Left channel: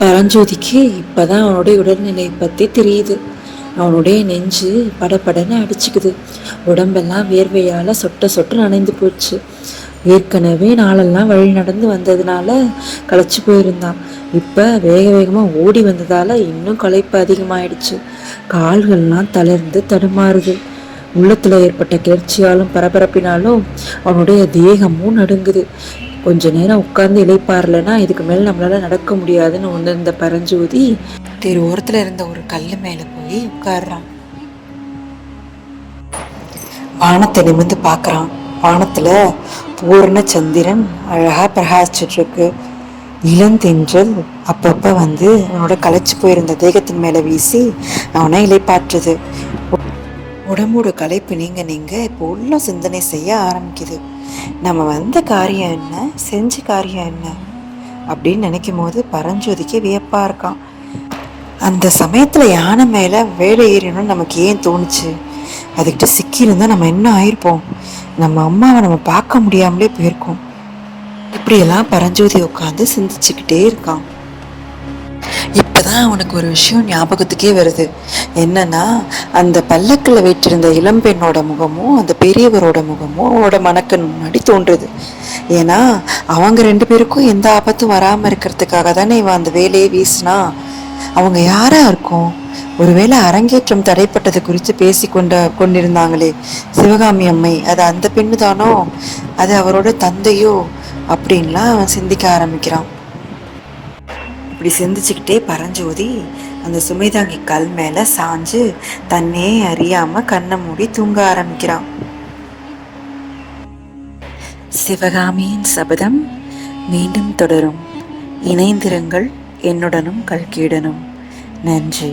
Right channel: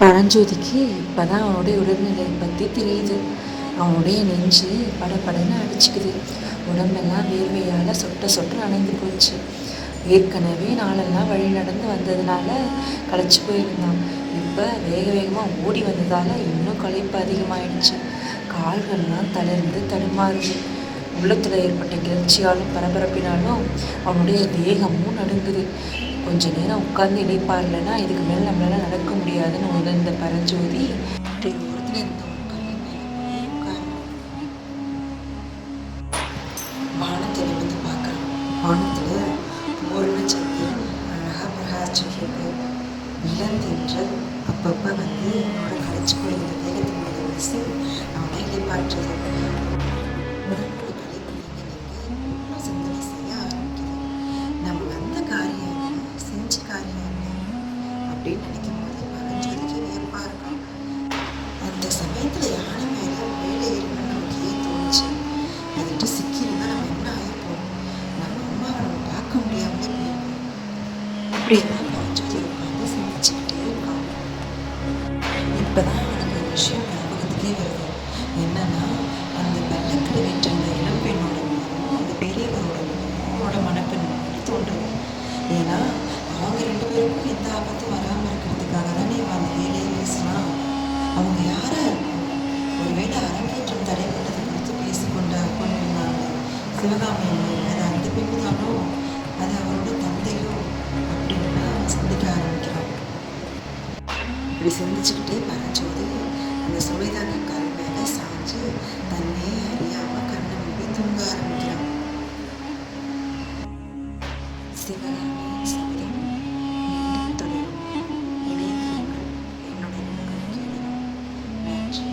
பரஞ்சோதிக்கு இப்பதான் அவனுடைய உடல்நிலை பற்றி தெரியுது. அவனுடைய நெஞ்சு படபடன்னு அடிச்சுக்குது. உடம்பெல்லாம் வேர்வையால் சொட்ட சொட்டு நனைந்து போச்சு. ஏற்கனவே நாளெல்லாம் வழி நடந்து வந்ததுனால களைச்சி போயிருந்தான். இப்போ வேக வேகமாக ஓடி வந்ததால் இன்னும் களைப்பு அதிகமாயிடுச்சு. கால்கள்லாம் தளர்ந்து தடுமாறுது. உள்ளத்தில் ஏற்பட்ட கிளர்ச்சியாலும் பரபரப்பினாலும் அவனுடைய தேகமும் நடுங்குது. கொஞ்ச நேரம் உட்கார்ந்து இளைப்பாறலன்னா இதுக்கு மேலே நம்மளால நடக்க முடியாதுன்னு உணர்ந்த பரஞ்சோதி தெரு ஓரத்தில் இருந்த ஒரு கல் மேலே போய் உட்கார்றான். வானத்தை நிமிர்ந்து பார்க்குறான். வானத்தில் பூர்ண சந்திரன் அழகாக பிரகாசிச்சுட்டு இருக்கு. இளந்தென்றல் அப்பப்போ வந்து அவனோட களைச்சி போயிருந்த தேகத்தின் மேலே வீசி அவனை இளைப்பாற்றுது. உடம்போட களைப்பு நீங்க இப்போ உள்ள சிந்தனை செய்ய ஆரம்பிக்குது. நம்ம வந்த காரியம் என்ன, செஞ்ச காரியம் என்ன அப்படின்னு நினைக்கும் போது பரஞ்சோதிக்கு வியப்பாக இருக்கான். அந்த சமயத்தில் யானை மேலே வேலை ஏறணும்னு நமக்கு ஏன் தோணுச்சு? அதுக்கிட்ட சிக்கியிருந்தால் நம்ம என்ன ஆயிருப்போம்? நம்ம அம்மாவை நம்ம பார்க்க முடியாமலே போயிருக்கோம். இப்படியெல்லாம் பரஞ்சோதி உட்காந்து சிந்திச்சுக்கிட்டே இருக்கான். இப்போதான் அவனுக்கு ஒரு விஷயம் ஞாபகத்துக்கே வருது. என்னன்னா, அந்த பல்லக்கில் வைத்திருந்த இளம்பெண்ணோட முகமும் அந்த பெரியவரோட முகமும் அவனோட மனக்கண் முன்னாடி தோன்றுது. ஏன்னா அவங்க ரெண்டு பேருக்கும் எந்த ஆபத்தும் வராமல் இருக்கிறதுக்காக தானே இவன் அந்த வேலையை வீசினா. அவங்க யாரா இருக்கும்? ஒருவேளை அரங்கேற்றம் தடைப்பட்டது குறித்து பேசி கொண்டிருந்தாங்களே சிவகாமி அம்மை, அது அந்த பெண்ணு தானோ? அது அவரோட தந்தையோ? அப்படின்லாம் அவன் சிந்திக்க ஆரம்பிக்கிறான். இப்படி சிந்திச்சுக்கிட்டே பரஞ்சோதி அந்த சுமைதாங்கி கல் மேலே சாஞ்சு தன்னே அறியாமல் கண்ணை மூடி தூங்க ஆரம்பிக்கிறான். சிவகாமியின் சபதம் மீண்டும் தொடரும். இணைந்திருங்கள் என்னுடனும் கல்கீடனும். நன்றி.